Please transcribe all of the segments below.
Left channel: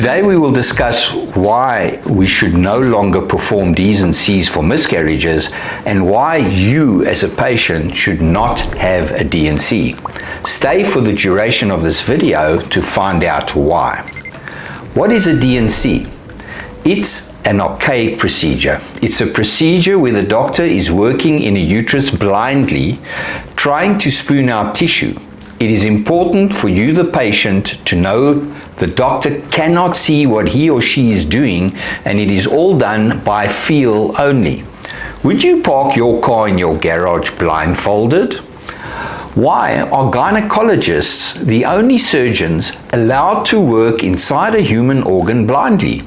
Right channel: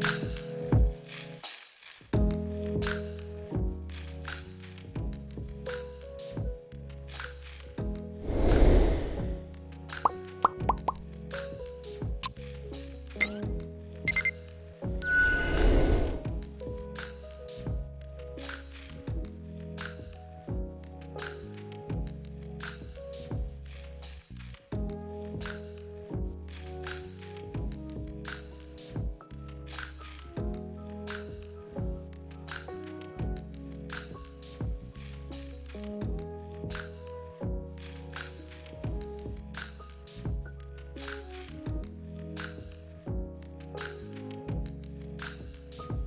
Today we will discuss why we should no longer perform Ds and Cs for miscarriages and why you as a patient should not have a D&C. Stay for the duration of this video to find out why. What is a D&C? It's an archaic procedure. It's a procedure where the doctor is working in a uterus blindly, trying to spoon out tissue. It is important for you, the patient, to know the doctor cannot see what he or she is doing, and it is all done by feel only. Would you park your car in your garage blindfolded? Why are gynecologists the only surgeons allowed to work inside a human organ blindly?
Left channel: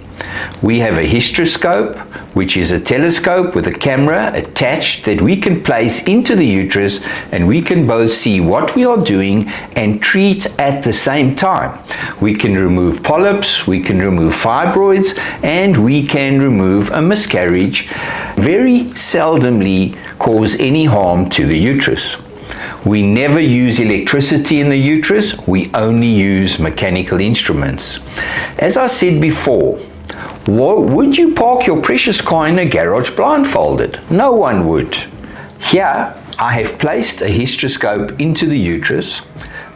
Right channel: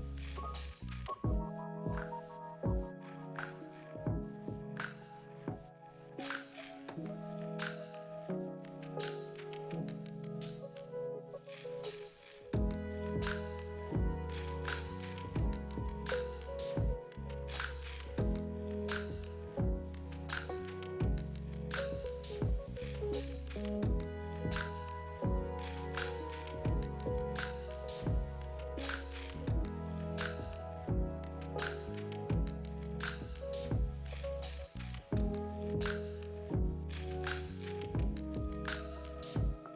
We have a hysteroscope, which is a telescope with a camera attached that we can place into the uterus, and we can both see what we are doing and treat at the same time. We can remove polyps, we can remove fibroids, and we can remove a miscarriage. Very seldomly cause any harm to the uterus. We never use electricity in the uterus, we only use mechanical instruments. As I said before, would you park your precious car in a garage blindfolded? No one would. Here, I have placed a hysteroscope into the uterus.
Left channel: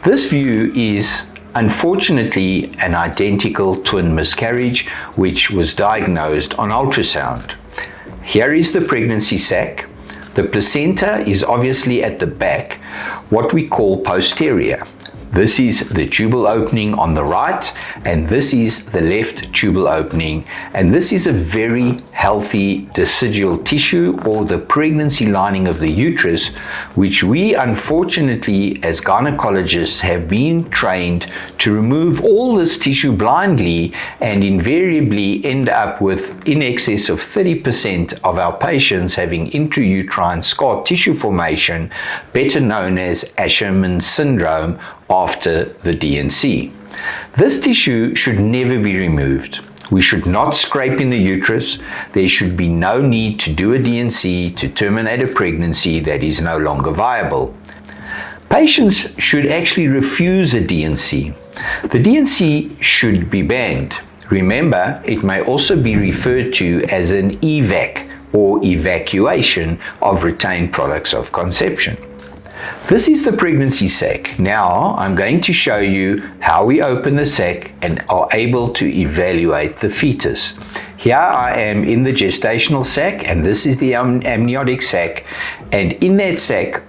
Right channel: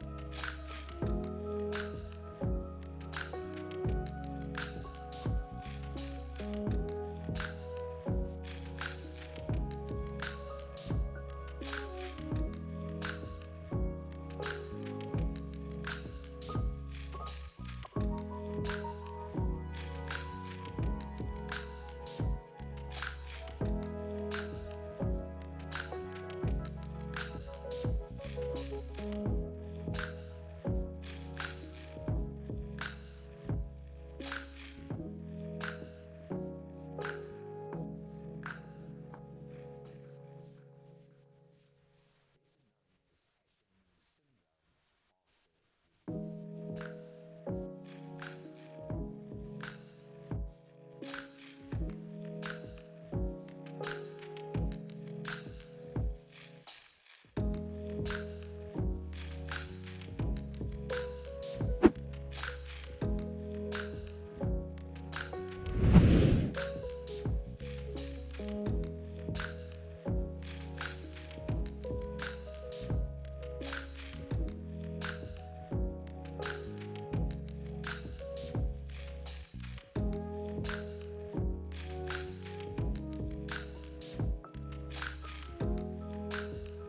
This view is unfortunately an identical twin miscarriage which was diagnosed on ultrasound. Here is the pregnancy sac. The placenta is obviously at the back, what we call posterior. This is the tubal opening on the right, and this is the left tubal opening, and this is a very healthy decidual tissue, or the pregnancy lining of the uterus, which we unfortunately as gynecologists have been trained to remove all this tissue blindly, and invariably end up with in excess of 30% of our patients having intrauterine scar tissue formation, better known as Asherman syndrome, after the D&C. This tissue should never be removed. We should not scrape in the uterus. There should be no need to do a D&C to terminate a pregnancy that is no longer viable. Patients should actually refuse a D&C. The D&C should be banned. Remember, it may also be referred to as an EVAC, or evacuation of retained products of conception. This is the pregnancy sac. Now I'm going to show you how we open the sac and are able to evaluate the fetus. Here I am in the gestational sac, and this is the amniotic sac, and in that sac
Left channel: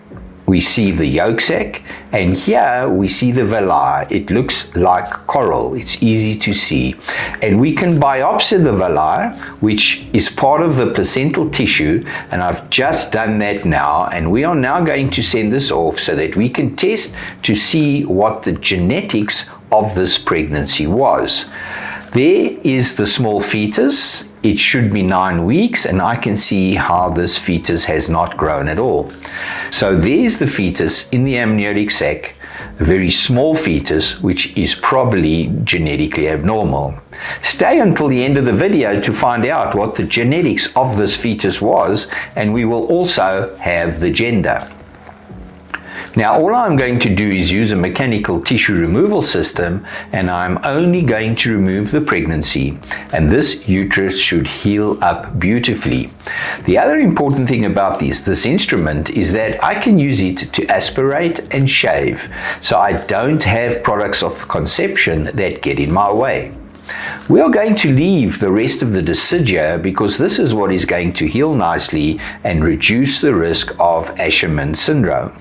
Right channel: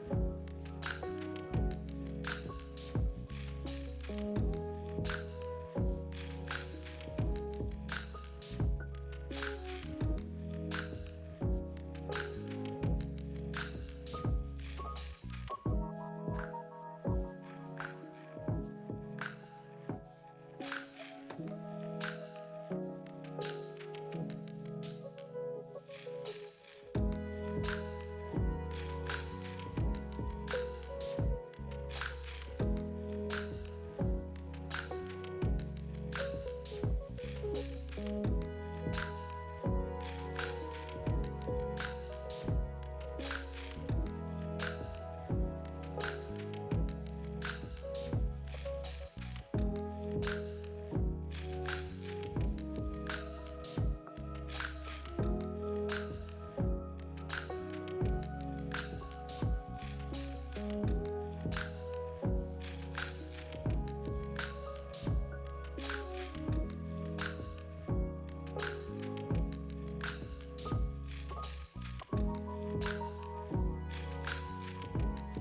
we see the yolk sac, and here we see the villi. It looks like coral. It's easy to see. And we can biopsy the villi, which is part of the placental tissue, and I've just done that now, and we are now going to send this off so that we can test to see what the genetics of this pregnancy was. There is the small fetus. It should be 9 weeks, and I can see how this fetus has not grown at all. So there's the fetus in the amniotic sac, a very small fetus, which is probably genetically abnormal. Stay until the end of the video to find out what the genetics of this fetus was, and we will also have the gender. Now, all I'm going to do is use a mechanical tissue removal system, and I'm only going to remove the pregnancy, and this uterus should heal up beautifully. The other important thing about this instrument is that I can use it to aspirate and shave, so I don't have products of conception that get in my way. We are going to leave the rest of the deciduum because this is what is going to heal nicely and reduce the risk of Asherman syndrome.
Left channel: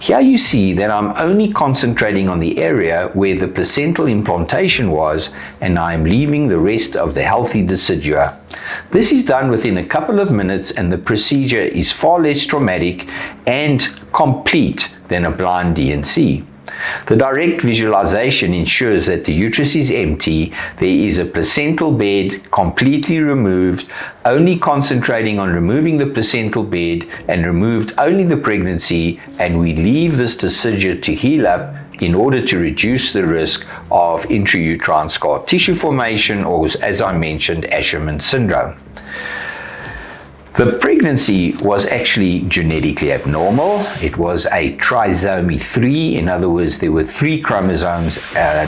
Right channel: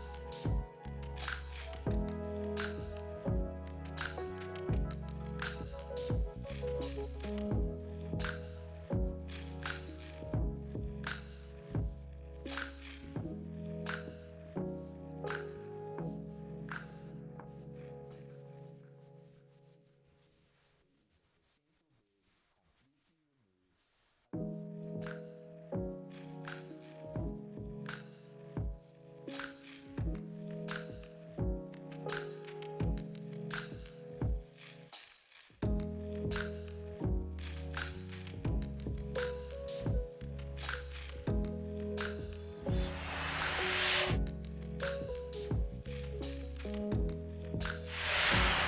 Here you see that I'm only concentrating on the area where the placental implantation was, and I'm leaving the rest of the healthy decidua. This is done within a couple of minutes, and the procedure is far less traumatic and complete than a blind D&C. The direct visualization ensures that the uterus is empty, there is a placental bed completely removed, only concentrating on removing the placental bed, and removed only the pregnancy, and we leave this decidua to heal up in order to reduce the risk of intrauterine scar tissue formation, or, as I mentioned, Asherman syndrome. The pregnancy was actually genetically abnormal. It was a trisomy 3. In other words, there were 3 chromosomes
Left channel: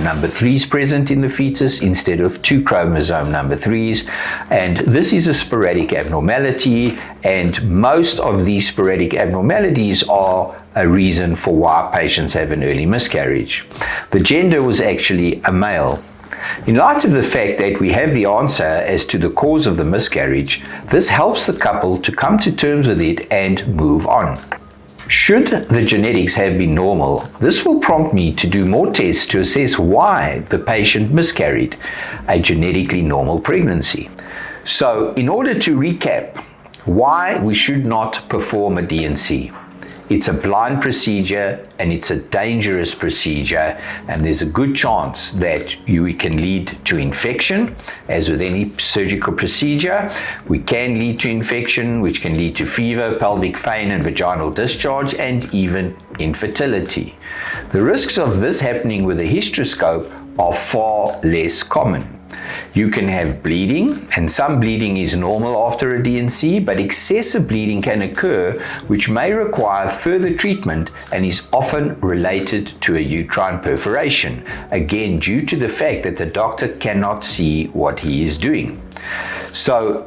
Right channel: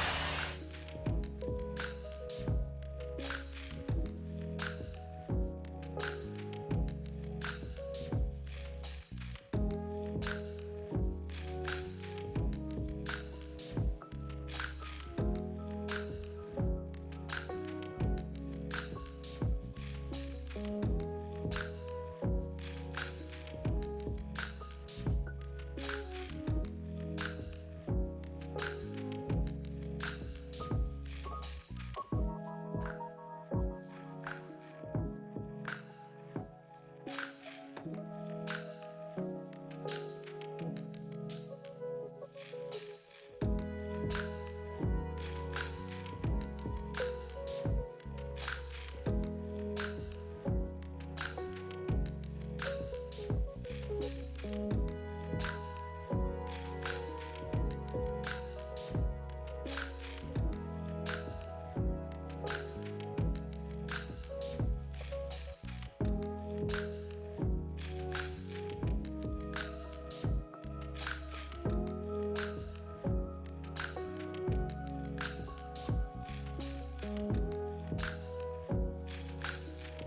number 3s present in the fetus instead of 2 chromosome number 3s. And this is a sporadic abnormality, and most of these sporadic abnormalities are a reason for why patients have an early miscarriage. The gender was actually a male. In light of the fact that we have the answer as to the cause of the miscarriage, this helps the couple to come to terms with it and move on. Should the genetics have been normal, this will prompt me to do more tests to assess why the patient miscarried a genetically normal pregnancy. So, in order to recap, why we should not perform a D&C. It's a blind procedure and it's a dangerous procedure, and there's a good chance that it can lead to infection. As with any surgical procedure, we can lead to infection, which can lead to fever, pelvic pain and vaginal discharge, and even infertility. The risks of this happening with a hysteroscope are far less common. You can have bleeding, and some bleeding is normal after a D&C, but excessive bleeding can occur, which may require further treatment and is often related to a uterine perforation, again due to the fact that the doctor cannot see what he is doing. So,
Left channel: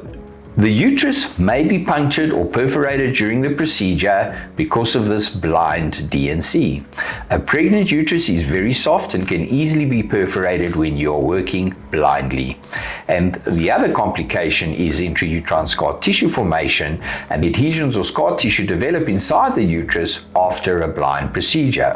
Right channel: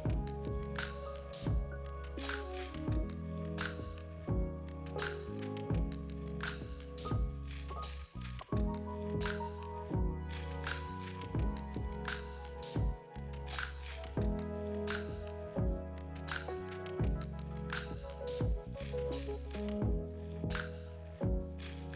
the uterus may be punctured or perforated during the procedure because of this blind D&C. A pregnant uterus is very soft and can easily be perforated when you're working blindly. And the other complication is intrauterine scar tissue formation, and adhesions or scar tissue develop inside the uterus after a blind procedure.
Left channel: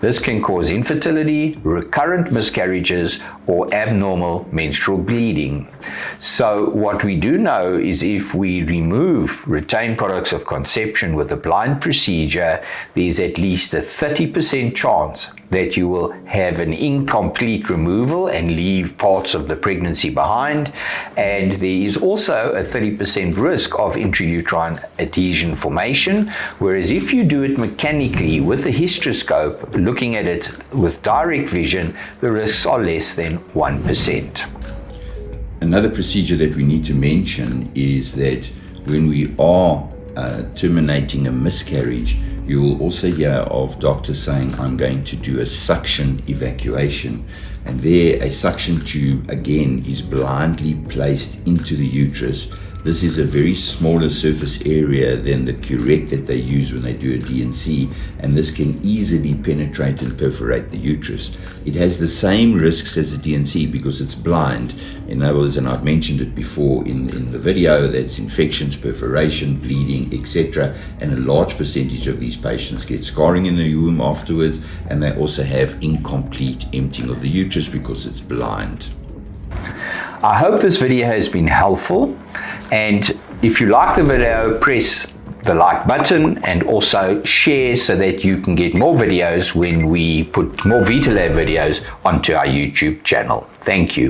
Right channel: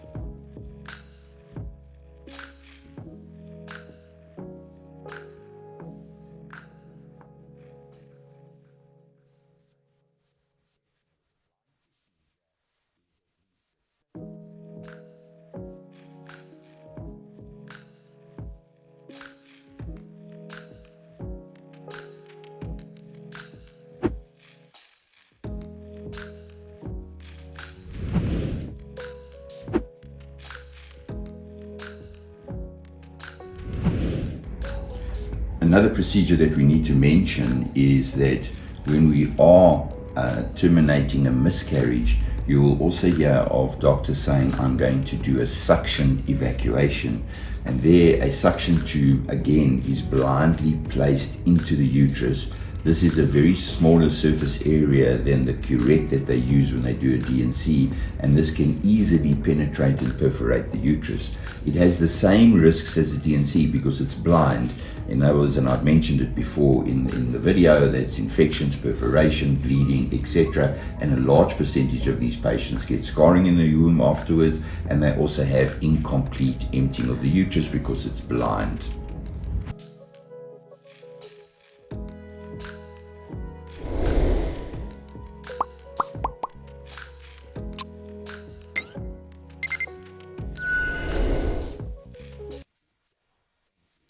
This can cause infertility, recurrent miscarriages, or abnormal menstrual bleeding. So what we do know is if we remove retained products of conception with a blind procedure, there's at least a 30% chance that you will have an incomplete removal and leave parts of the pregnancy behind. And there is also a 30% risk of intrauterine adhesion formation, whereas if you do it mechanically with a hysteroscope, looking at it with direct vision, the risks are less than 1%. Another procedure that we need to mention is that when we are terminating a miscarriage, you will also hear of doctors saying, I'm going to do a suction evacuation. And there, a suction tube, again, is blindly placed into the uterus. This is a very smaller surface area than the curette that they use when they do a D&C, and this can easily penetrate and perforate the uterus. It has the same risks as a D&C because it's blind. In other words, and I've mentioned it before in the video, that's infections, perforation, bleeding, etc. And a large percentage of these patients get scarring in the womb afterwards, and they also have incomplete emptying of the uterus because it's blind. I hope this video has been helpful, and if you like the video, press the like button and also share so that you can get more videos when we put more Vitalab videos onto our YouTube channel. Thank you.